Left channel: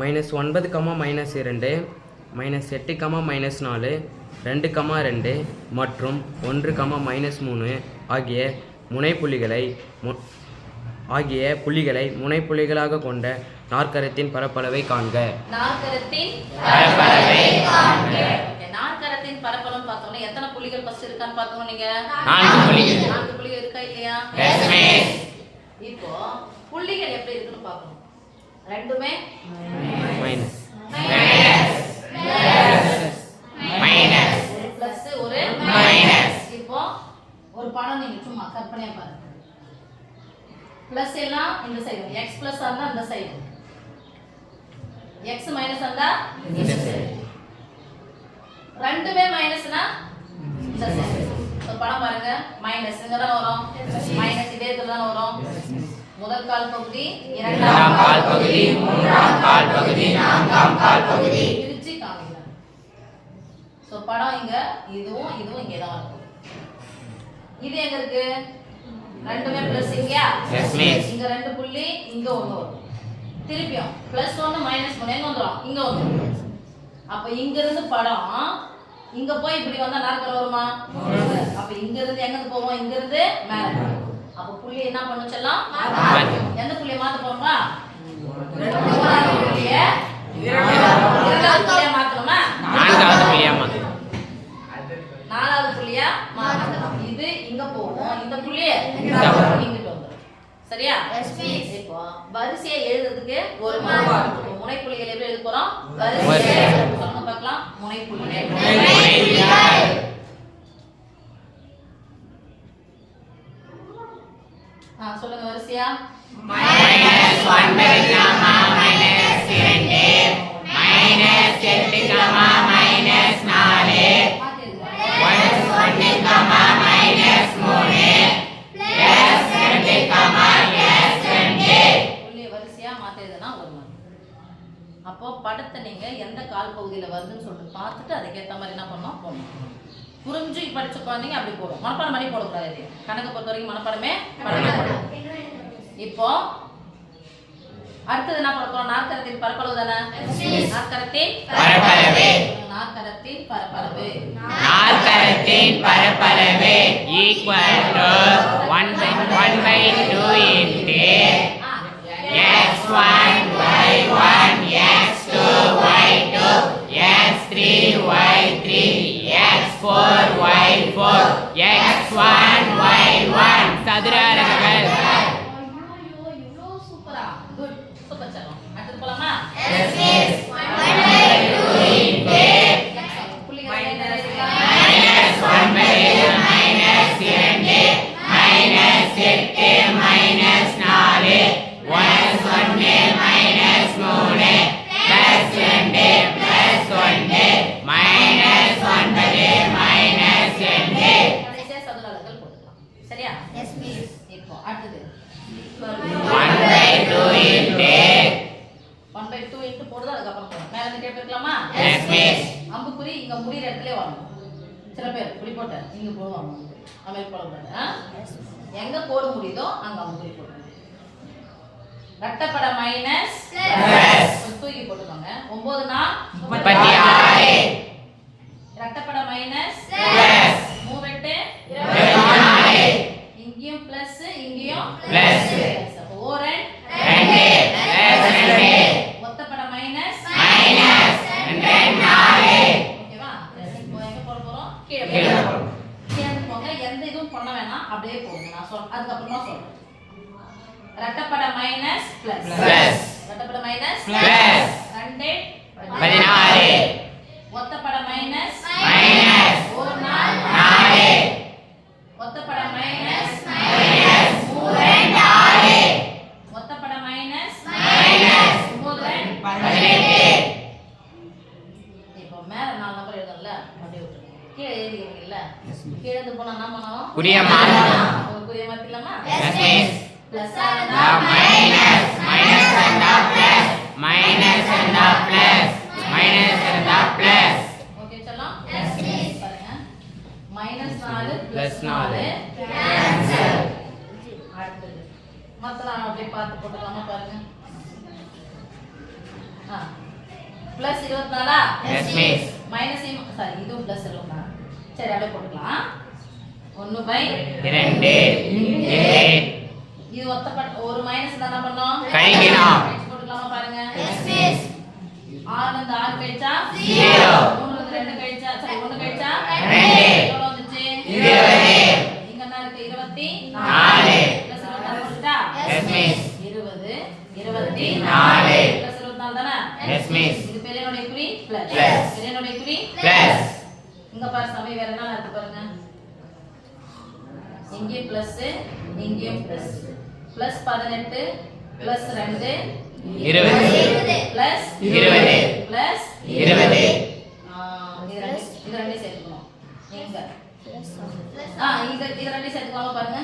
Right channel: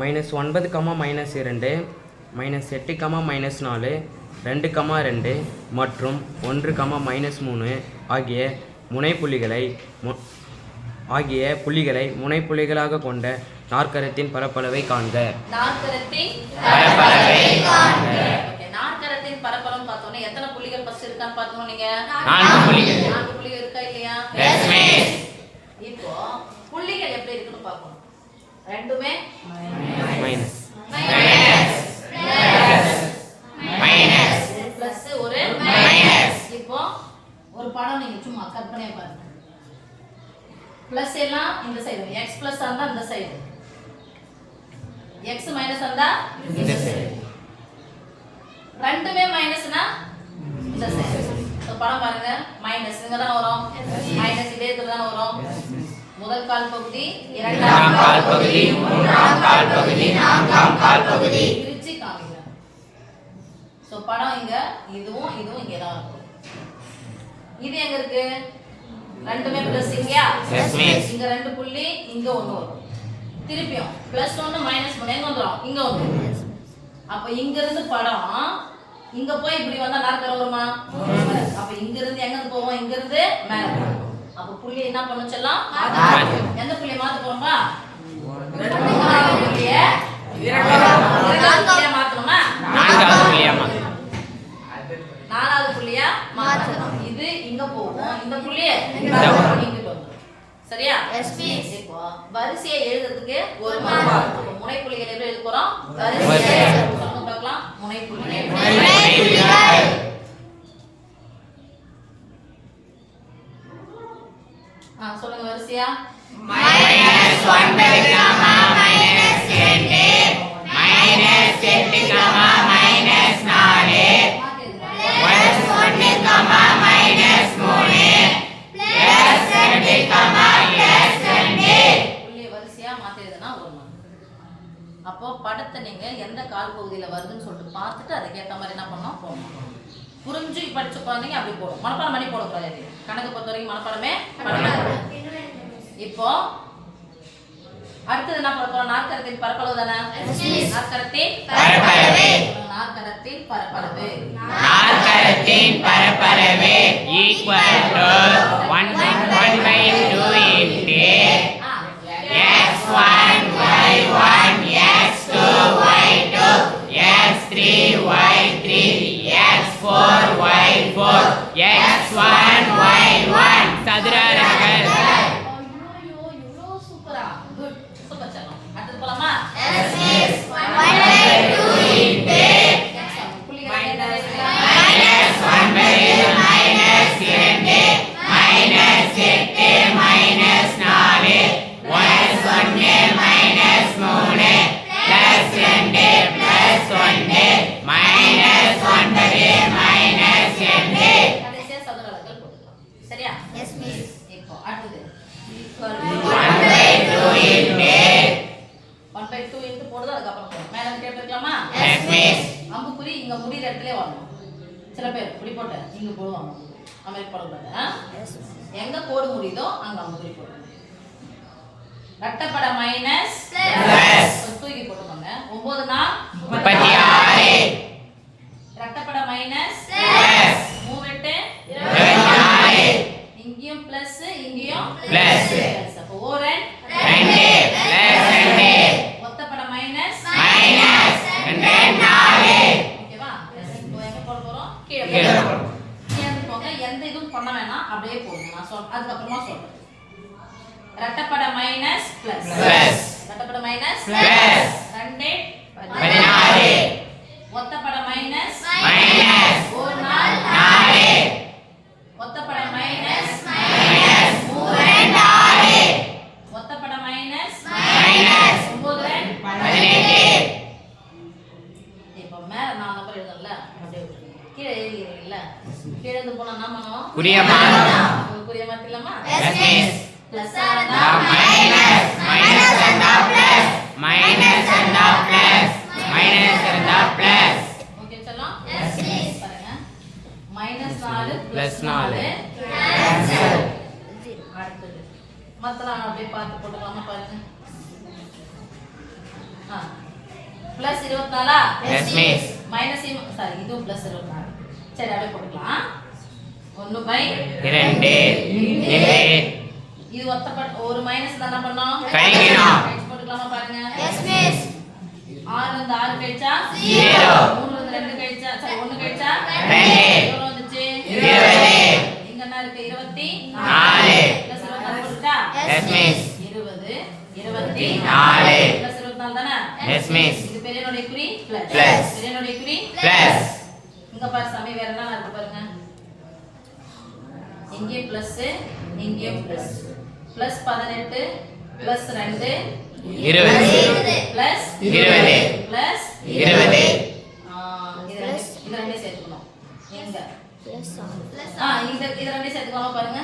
-9, -2, -8, -4, 2, 2 மற்றும் 1, -3 ஆகிய புள்ளிகளை முனைப்புள்ளிகளாக கொண்ட நாற்கரத்தின் பரப்பளவை காண்க. நாற்கரத்தின் பரப்பளவு பார்த்தோம்னா எத்தனை புள்ளிகள் ஃபர்ஸ்ட் இருக்கான்னு பார்த்தோம். நீங்க 4 புள்ளிகள். 4 புள்ளிகள் இருக்கா இல்லையா? இப்போ புள்ளிகள் எப்படி இருக்குன்னு பார்க்கணும். ரெண்டுமே மைனஸ் ஒரு பிளஸ் ஒரு மைனஸ். இப்போ ஒரு படம் நீங்க சும்மா கற்பனையா பாருங்க. பிளஸ் எல்லாம் இந்த சைடு, x பிளஸ் இருந்தா இந்த சைடு, x மைனஸ் இருந்தா இந்த சைடு, ரெண்டுமே மைனஸ்னா இந்த சைடு. சோ படம் பாருங்க, மைனஸ் இங்க தான் வரும், மைனஸ் இதே இடத்துல தான் வரும். முதல் கால் பகுதி, இரண்டாம் கால் பகுதி, மூன்றாம் கால் பகுதி, நான்காம் கால் பகுதி பிரிச்சு காமிக்கிறேன். சோ படம் இங்க இதுவும் இங்க தான் இருக்கும். இது எங்க இருக்கு? ரெண்டுமே பிளஸ் இங்கயா? இங்க 2 புள்ளி, இங்க 1 வரும். திருப்பியும் +1 -1 எங்க வந்துரும்? இங்க வந்துரும். அப்ப இங்க இருந்து படம் இங்க போய் இப்படி வந்தா நாற்கரம் வருமா? அப்ப இங்க இருந்து எங்க இருந்து போவோம்? இங்க இருந்து மேல போவோம். அப்ப புள்ளி என்ன பண்ணனும் சொல்லலாம்? எந்த புள்ளியை மாத்த போறோமா? மூணாவது புள்ளியை இரண்டாவது புள்ளியா மாத்தணுமா? நான்காவது புள்ளியா மாத்தணும். நாலாவது புள்ளியா மாத்தணும். இது இங்க போவோம், இந்த புள்ளியை இங்கிட்டு வந்துரும். சரியா? இப்போ வரிசையை எழுதுறதுக்கு ஒரு மார்க். முனை புள்ளிகளை எப்படி எழுத போறோம்? வரிசையை சொல்லுங்க பார்க்கலாம். முனை புள்ளிகள். சொல்லுங்க வரிசையா. -1, -2, -8, அப்போ படத்தை நீங்க எந்த கால் பகுதியில வருதுன்னு சொல்லிட்டு பார்த்துட்டு அதுக்கேற்ற மாதிரி என்ன பண்ணணும் போடணும். புரிஞ்சு படிச்ச குழந்தைங்க அப்படி போடும். மனப்பாடம் பண்ணி போடக்கூடாது. கணக்கு பொறுத்த வரைக்கும் மனப்பாடமே பண்ணக்கூடாது. இப்போ அடுத்தது என்ன பண்ண போறோம்? நாற்கரத்தின் பரப்பளவு தானே? நாற்கரத்தின் பரப்பளவு equal to 1/2 into x1 y1 x2 y2 x3 y3 x4 y4 x1 y1 சதுர அலகுகள். ஐயோ இவ்ளோ சூப்பரா. குட். சூப்பர் சலம். அடுத்து போலாமா? Yes miss. 1/2 into புள்ளிகள் என்ன இருக்கு? -1/2 -2 சரியா? Yes miss. இப்போ அடுத்து 1/2 into போடுறது அதுக்கு அப்புறம் போறோம். மேல இருந்து கேட்கலாமா? Yes miss. அம்புக்குறி இங்க முடிற இடத்துல வரணும். சில பேர் இப்படி போட்டு இங்க போடுவாங்க. அமே போடக்கூடாது. எங்க கோடு முடியுதோ அங்க அம்புக்குறி போடுங்க. ரெட்டப்பட மைனஸ் பிளஸ் தூக்கி போட்டுக்கோங்க. 9 4 36. ரெட்டப்பட மைனஸ் பிளஸ் 3 8 24. இங்கேயும் பிளஸ் இங்கேயும் பிளஸ். அப்ப ஓரன் 2 பிளஸ் 2. ஒத்தப்பட மைனஸ் மைனஸ் 4. ஓகேவா? இப்போ எங்க போட போறோம்? கீழ போறோம். கீழ போங்க. எந்த இதுவும் பண்ண வேணாம். அப்படியே போடுங்க. நான் அதுக்கு அப்புறமா சொல்றேன். ரெட்டப்பட மைனஸ் பிளஸ் பிளஸ் ரெட்டப்பட மைனஸ் பிளஸ் 2 16. ஒத்தப்பட மைனஸ் மைனஸ் 4 ஒத்தப்பட மைனஸ் மைனஸ் 3 4 ஒத்தப்பட மைனஸ் மைனஸ் 9 18. இப்போ மேல 4 நம்பர் எழுதல அப்படியே விட்டுருங்க. கீழே எழுதிக்கிறீங்கல்ல, கீழே இருந்து போனா என்ன பண்ணுவோம்? குறிய மாத்தணும். குறிய மாத்திரலாமா? Yes miss. Plus minus minus இருந்தா பிளஸ் மைனஸ் இருந்தா பிளஸ் மைனஸ் இருந்தா பிளஸ். ஓகே சொல்லலாம். Yes miss. பாருங்க -4 +4 அடுத்தது மத்தலாம் அப்படியே பார்த்து போட்டுக்கலாமா? பாருங்க plus 24 Yes, miss. Minus sorry இதுவும் பிளஸ் 24 சரி அப்படியே போட்டுக்கலாம் 1/2 இது ஒத்தப்பட்ட ஒரு மைனஸ் என்ன பண்ணோம் கழிக்கணும். போட்டுக்கலாமா பாருங்க எஸ் மிஸ் 6 ல இருந்து 6 கழிச்சா 0 3 ல இருந்து 2 கழிச்சா சரி 1 கழிச்சா 2 எவ்வளவு வந்துச்சு 20 இங்க என்ன இருக்கு 24 4 பிளஸ் 24 போட்டுட்டா Yes, miss. 20 24 4 பிளஸ் 24 தானே Yes, miss. இது பெரியனுடைய குறி பிளஸ் Plus. பெரியனுடைய குறி Plus. இங்க பாரு சாமி வேற என்ன இருக்கு பாருங்க இங்கே பிளஸ் இங்கே plus plus 18 plus 2 20 plus 20 plus 20 இது ரெண்டே சேர்த்துக்கணும் எங்க பிளஸ் இது ரெண்டே சேர்த்துக்கலாமா பாருங்க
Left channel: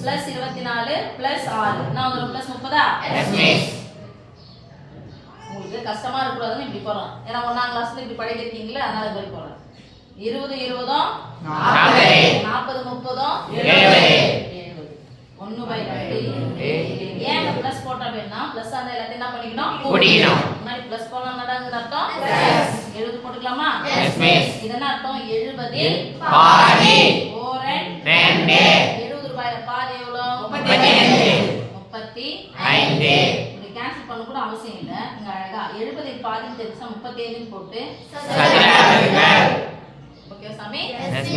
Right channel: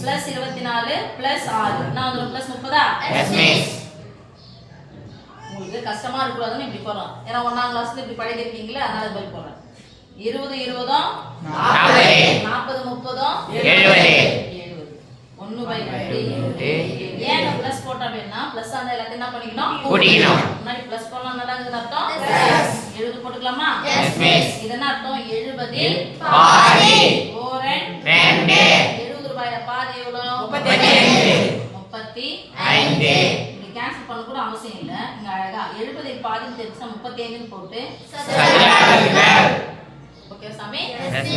பிளஸ் 24 பிளஸ் 6 நான் வந்து பிளஸ் 30 Yes, miss. உங்களுக்கு கஷ்டமா இருக்கக்கூடாதுன்னு இப்படி போறோம் ஏன்னா 1ஆம் கிளாஸ்ல இப்படி படிக்கிறீங்களா அதனால இப்படி போறோம் 20 20 40 40 30 70 1/2 ஏன் பிளஸ் போட்டா அப்படின்னா பிளஸ் அந்த எல்லாத்தையும் என்ன பண்ணிக்கணும் கூட்டிக்கணும். முன்னாடி பிளஸ் போடலாம் என்னடாங்க அர்த்தம் 70 போட்டுக்கலாமா Yes, miss. இது என்ன அர்த்தம் 70 பாதி 4 2 70 ரூபாயில பாதி எவ்வளவு 35 35 இப்படி கேன்சல் பண்ண கூட அவசியம் இல்ல இங்க அழகா 70 பாதி தெரிஞ்சா 37 போட்டு சதுர அலகுகள் ஓகே சாமி Yes, miss.